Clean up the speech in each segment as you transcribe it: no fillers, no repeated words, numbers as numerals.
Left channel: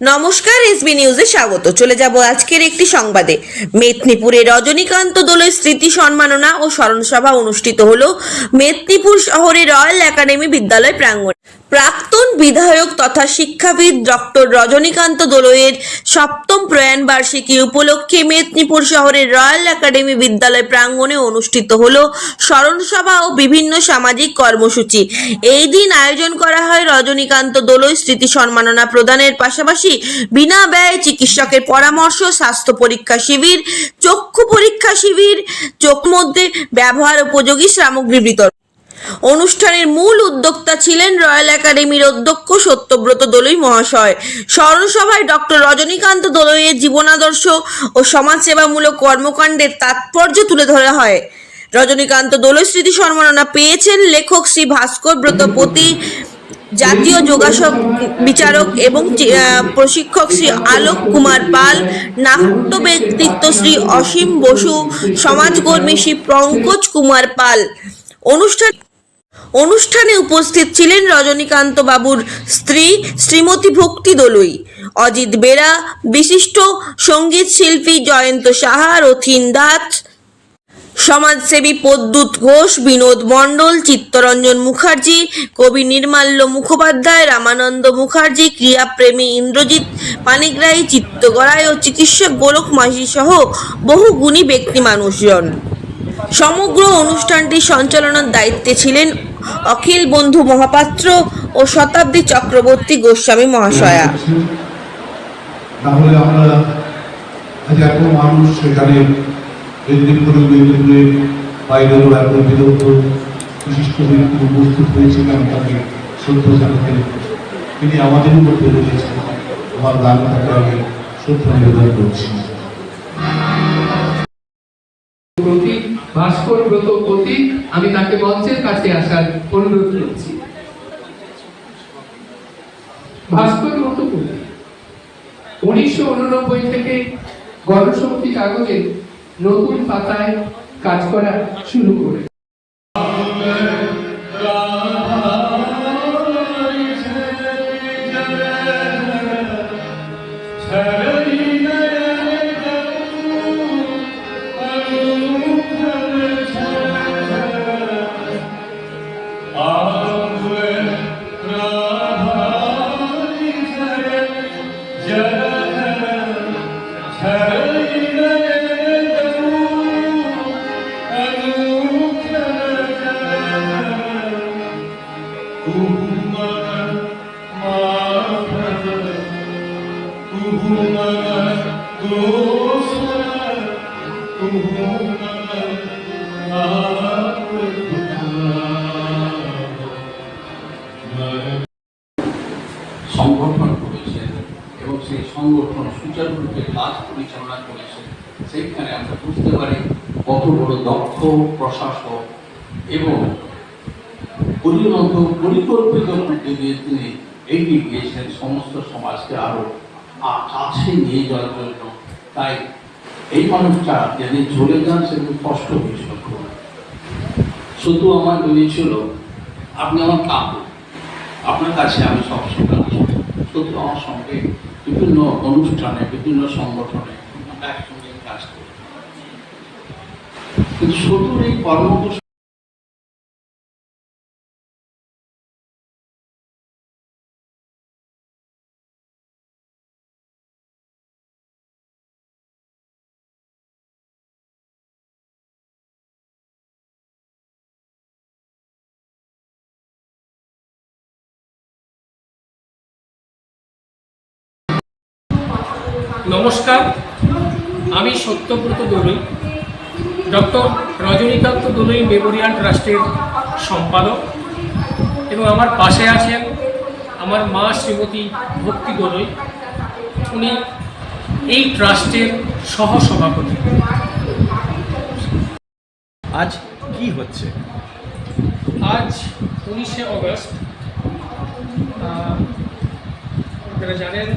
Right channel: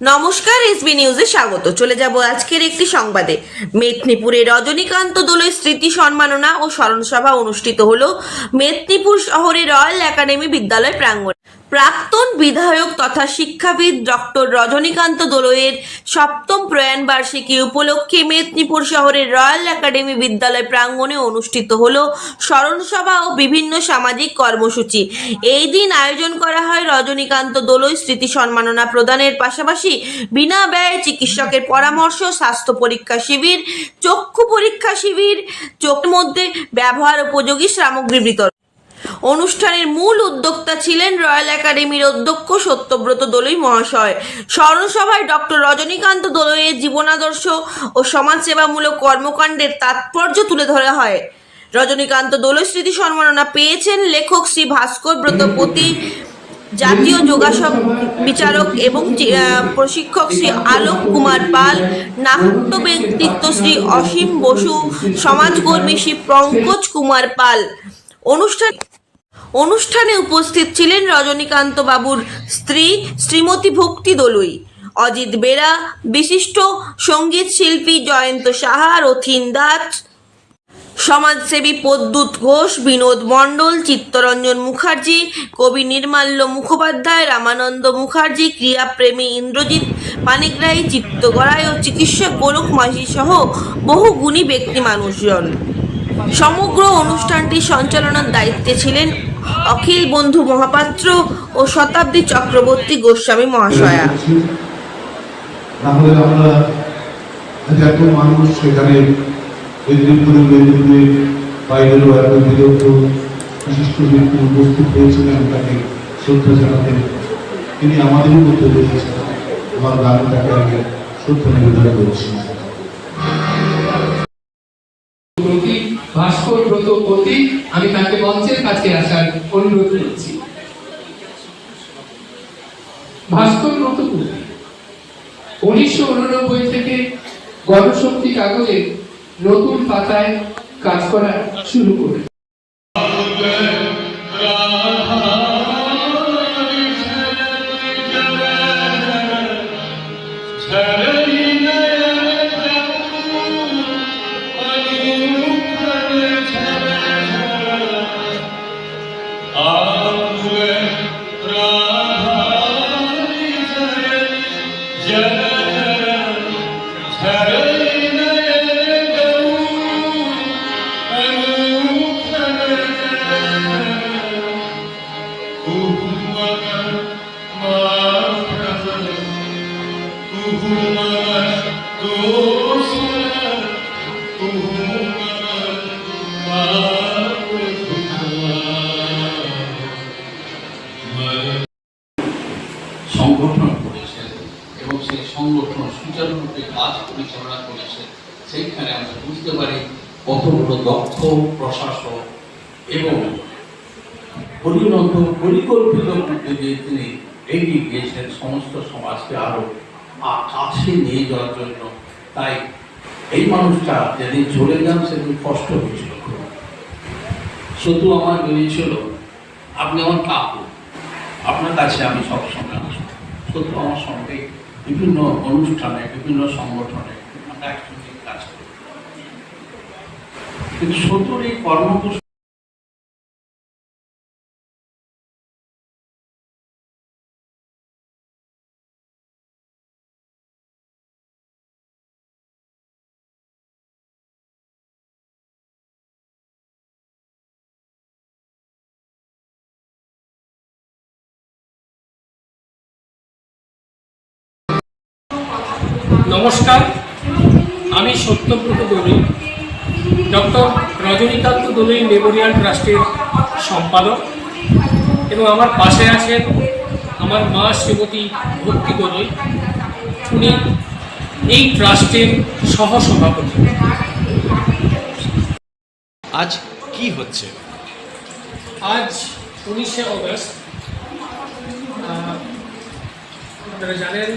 নমস্কার, এসবি নিউজে স্বাগত। চলে যাব আজকের একটি সংবাদে। মেদিনীপুরে রজনীকান্ত দোলই স্মৃতি সম্মাননা ও স্মরণ সভা অনুষ্ঠিত হলো মেদিনীপুর শহরে রয়্যাল একাডেমি বিদ্যালয় প্রাঙ্গণে। প্রাক্তন বিধায়ক তথা শিক্ষাবিদ ডক্টর রজনীকান্ত দোলইয়ের সপ্তম প্রয়াণ বার্ষিকী উপলক্ষে মেদিনীপুর শহরের রয়্যাল একাডেমি বিদ্যালয় প্রাঙ্গণে অনুষ্ঠিত হলো স্মরণ সভা ও বিভিন্ন সামাজিক কর্মসূচি। এই দিন আয়োজন করা হয় রজনীকান্ত দোলই স্মৃতি সম্মাননা প্রদানের পাশাপাশি বিনা ব্যয়ে চিকিৎসকের পরামর্শ, স্বাস্থ্য পরীক্ষা শিবির, চক্ষু পরীক্ষা শিবির, চোখ মধ্যে ব্যবহার উপযোগী সামগ্রী বিতরণ। অনুষ্ঠানের মূল উদ্যোক্তা ছিলেন রয়্যাল একাডেমির অধ্যক্ষ সত্যব্রত দোলই মহাশয়। স্মরণ সভায় ডক্টর রজনীকান্ত দোলইয়ের জীবনাদর্শ ও সমাজসেবামূলক কর্মকাণ্ডের তাৎপর্য তুলে ধরা হয়। রজনীকান্ত দোলই স্মৃতি সম্মাননা পেয়েছেন লেখক শ্রী ভাস্কর ব্রতপতি, জাতীয় যোগাসন বিচারক এবং প্রশিক্ষক শ্রী আলোক কুমার পাল, নাট্য ব্যক্তিত্ব শ্রী অসীম বসু, সমাজকর্মী শ্রী পঙ্কজ কুমার পাল। অনুষ্ঠানে উপস্থিত ছিলেন রজনীকান্ত বাবুর স্ত্রী শ্রীমতী ভক্তি দোলই, অজিত বেরা, বিশিষ্ট সঙ্গীত শিল্পী জয়ন্ত সাহা, রথিন দাস, সমাজসেবী প্রদ্যুৎ ঘোষ, বিনোদ মণ্ডল, চিত্তরঞ্জন মুখার্জি, কবি নির্মাল্য মুখোপাধ্যায়, রামানন্দ মুখার্জি, ক্রীড়াপ্রেমী ইন্দ্রজিৎ পানিগ্রাহী, চিত্তগড়াই ও চিকিৎসক গোলক মাঝি সহ বহু গুণী ব্যক্তি মানুষজন। সমগ্র অনুষ্ঠানটি সঞ্চালনার দায়িত্বে ছিলেন অখিল বন্ধু মহাপাত্র ও শতাব্দী চক্রবর্তী গোস্বামী মহাশয়া। মেদিনীপুরে বাইরেরও এত বিরত বিশিষ্ট ব্যক্তি উপস্থিত হয়েছিলেন, তাকে শ্রদ্ধা জানাতে তিনি আমাদেরও করতে পেরেছেন। আমার গান তাকে আগে শ্রদ্ধা নিবেদন করছি। ভাস্কর ব্রতপতি, আমি তাকে মঞ্চের কাছে আসার অনুরোধ করছি। ভাস্কর ব্রতপতি 1989 থেকে গণশক্তি কাগজে নতুন পাতায় কাজ করা শুরু করে। সংগঠন করেছেন এবং সেই সংগঠন সুচারুরূপে কাজ পরিচালনা করেছে। সেইখানে আমরা বুঝতে পারি কত বড় দক্ষ প্রশাসক এবং পরিকল্পিত তিনি এগিয়ে গিয়েছেন সমস্ত সমাজকে আরো কাছে নিয়ে যাওয়ার জন্য। তাই এই মানুষটা যদি চলে যান সেদিন কষ্ট হয়েছিল খুব। শুধু আমার বেরিয়েছিল আপনি আমার কাকু, আপনার কাছে আমি সবসময় আসবো। শুধু আমার সঙ্গে বিভিন্ন অনুষ্ঠানে বিভিন্ন সংগঠনে আমরা একসঙ্গে কাজ করি, কিন্তু শুধুর এই কর্মসূচি নমস্কার, আমি সত্যব্রত দোলই, ডক্টর রজনীকান্ত দোলই মেমোরিয়াল ট্রাস্টের সম্পাদক এবং আমার পাশে আছেন আমার মা শ্রীমতী ভক্তি দোলই, উনি এই ট্রাস্টের সহসভাপতি। আজ কি হচ্ছে? আজ 19শে অগস্ট, আপনারা জানেন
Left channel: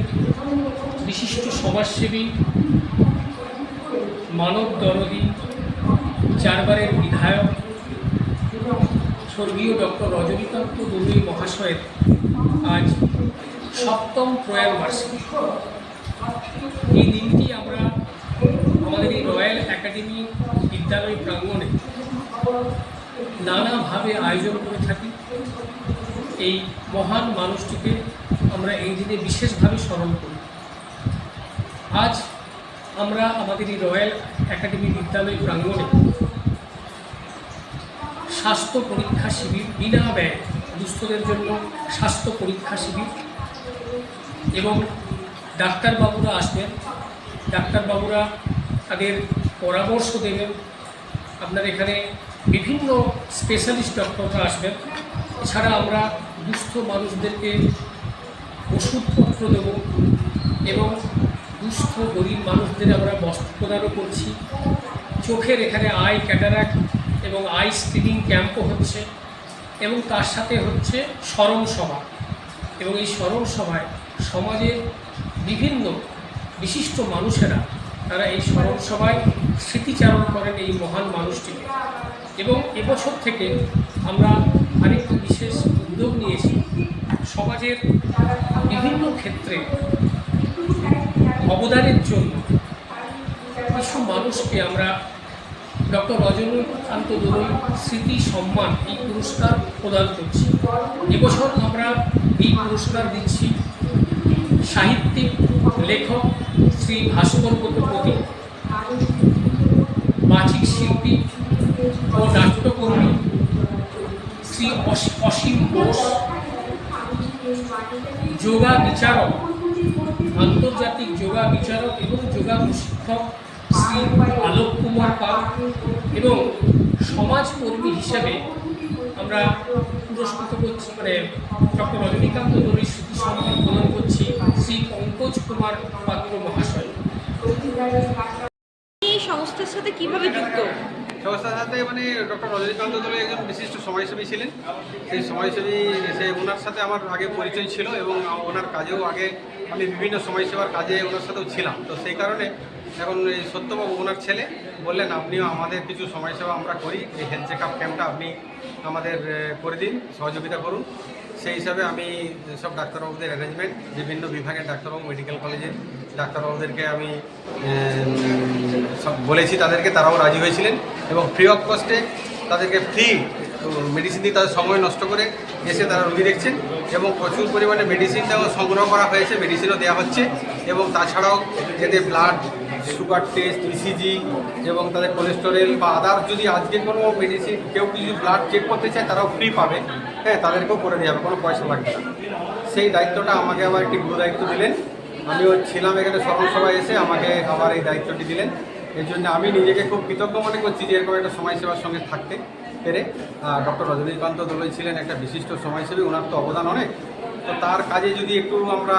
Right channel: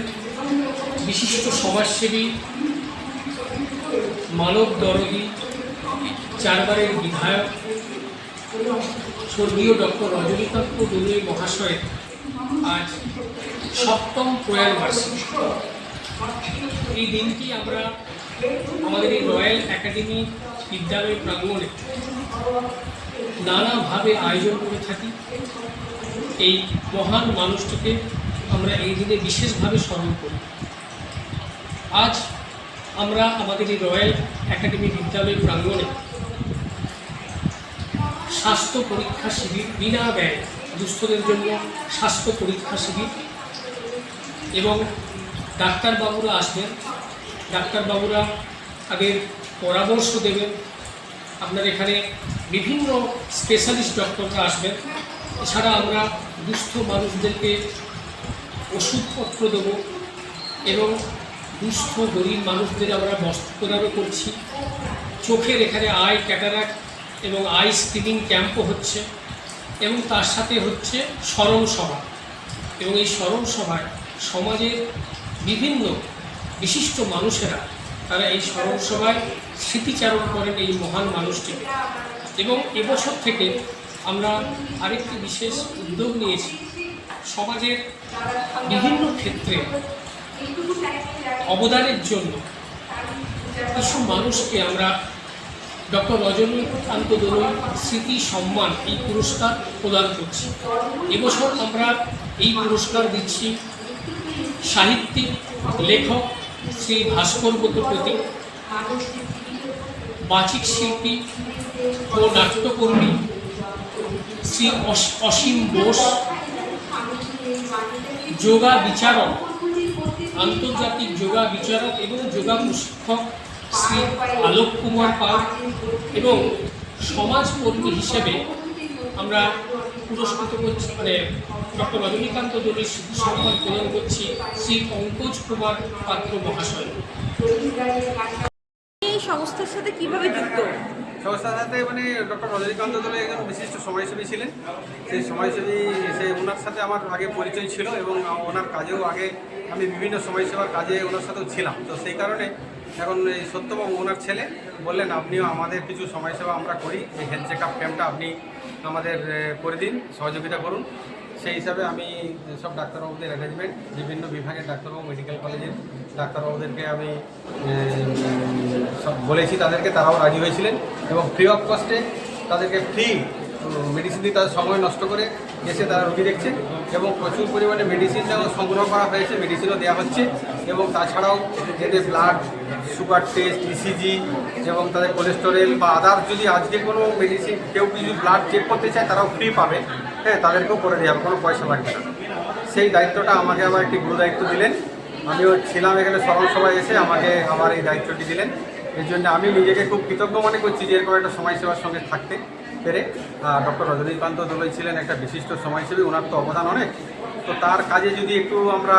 বিশিষ্ট সমাজসেবী, মানব দরদী, চারবারের বিধায়ক স্বর্গীয় ডক্টর রজনীকান্ত দোলই মহাশয়ের আজ সপ্তম প্রয়ার মার্সি। এই দিনটি আমরা আমাদের এই রয়্যাল একাডেমি বিদ্যালয় প্রাঙ্গণে নানাভাবে আয়োজন করে থাকি। এই মহান মানুষটিকে আমরা এই দিনে বিশেষভাবে স্মরণ করি। আজ আমরা আমাদের এই রয়্যাল একাডেমি বিদ্যালয় প্রাঙ্গণে স্বাস্থ্য পরীক্ষা শিবির, বিনা ব্যয় দুস্থদের জন্য স্বাস্থ্য পরীক্ষা শিবির, এবং ডাক্তারবাবুরা আসবেন। ডাক্তারবাবুরা তাদের পরামর্শ দেবেন। আপনার এখানে বিভিন্ন স্পেশালিস্ট ডক্টররা আসবেন। এছাড়া আমরা দুস্থ মানুষদেরকে ওষুধপত্র দেব এবং দুস্থ গরিব মানুষদের আমরা বস্ত্র প্রদানও করছি। চোখের এখানে আই ক্যাটারাক্ট এবং আই স্ক্রিনিং ক্যাম্পও হচ্ছে, এবং তার সাথে হচ্ছে স্মরণ সভা। এবং এই স্মরণ সভায় সমাজের বিভিন্ন বিশিষ্ট মানুষেরা তারা এই স্মরণ সভায় স্মৃতিচারণ করেন এই মহান মানুষটিকে। এবং এবছর থেকে আমরা আরেকটি বিশেষ উদ্যোগ নিয়েছি। সমাজের বিভিন্ন ক্ষেত্রে অবদানের জন্য কিছু মানুষকে আমরা ডক্টর রজনীকান্ত দোলই স্মৃতি সম্মান এই পুরস্কার প্রদান করছি। এবছর আমরা এই পুরস্কার দিচ্ছি সাহিত্যিক লেখক শ্রী ভাস্কর প্রতি, বাচিক শিল্পী ও নাট্যকর্মী শ্রী অসীম বোস, যোগা বিচারক, আন্তর্জাতিক যোগা বিচারক এবং যোগা প্রশিক্ষক শ্রী আলোক কুমার পাল, এবং সমাজকর্মী হিসেবে আমরা পুরস্কৃত করছি ডক্টর রজনীকান্ত দোলই স্মৃতি সম্মান প্রদান করছি শ্রী পঙ্কজ কুমার পাত্র মহাশয়। এই সংস্থার সাথে কিভাবে যুক্ত? সংস্থার সাথে ডক্টর রজনীকান্ত দোলে একজন বিশিষ্ট সমাজসেবী ছিলেন। সেই সমাজসেবী ওনার সাথে আমার আগে পরিচয় ছিল, এবং ওনার কাজেও আগে আমি বিভিন্ন সমাজসেবার কাজে ওনার সাথেও ছিলাম। তো সেই কারণে এখন এই সত্যবাবু ওনার ছেলে বললেন, আপনিও আমাদের কিছু সমাজসেবা আমরা করি, এই হেলথ চেক আপ ক্যাম্পটা আপনি আমাদের করে দিন, সহযোগিতা করুন। সেই হিসাবে আমি সব ডাক্তারবাবুদের অ্যারেঞ্জমেন্ট, বিভিন্ন বিভাগের ডাক্তারবাবু, মেডিকেল কলেজের ডাক্তারবাবুদেরকে আমি সব বলেছি, তারাও রাজি হয়েছিলেন, এবং ফ্রি অফ কস্টে তাদেরকে ফ্রি মেডিসিন দিয়ে তাদের সময় নষ্ট করে এসে তারা রোগী দেখছেন, এবং প্রচুর পরিমাণে মেডিসিনটাও সংগ্রহ করা হয়েছে, মেডিসিনও দেওয়া হচ্ছে। এবং তাছাড়াও এদের ব্লাড সুগার টেস্ট, ইসিজি এবং তাদের কোলেস্টেরল বা আদার্স যদি আজকে কোনো মেডিসিন কেউ যদি ব্লাড চেক করতে চায় তারাও ফ্রি পাবে। হ্যাঁ, তাদেরকেও করে দেওয়া হবে, কোনো পয়সা লাগবে না। সেই দায়িত্বটা আমাকে আবার একটি গুরু দায়িত্ব দিলেন। আমিও ছিলাম এখানে স্মরণ সভায় এসে, আমাকে আবার এই দায়িত্বটি দিলেন। এই জন্য আমি নিজেকে খুব কৃতজ্ঞ মনে করছি যে এরকম একটা সমাজসেবার সঙ্গে থাকতে পেরে। ডক্টর রজনীকান্ত দোলই ছিলেন একটা বিশিষ্ট সমাজসেবী, ওনার তো অবদান অনেক। তো তার কাজে যদি একটু আমরা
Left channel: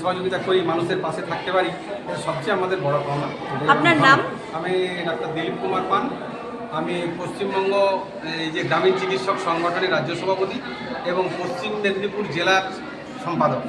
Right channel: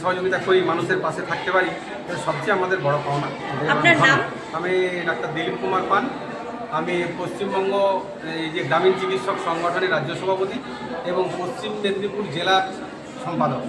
সহযোগিতা করি, মানুষের পাশে থাকতে পারি, এটা সবচেয়ে আমাদের বড় পাওনা। আপনার নাম? আমি ডাক্তার দিলীপ কুমার পান। আমি পশ্চিমবঙ্গ এই যে গ্রামীণ চিকিৎসক সংগঠনের রাজ্য সভাপতি এবং পশ্চিম মেদিনীপুর জেলার সম্পাদক।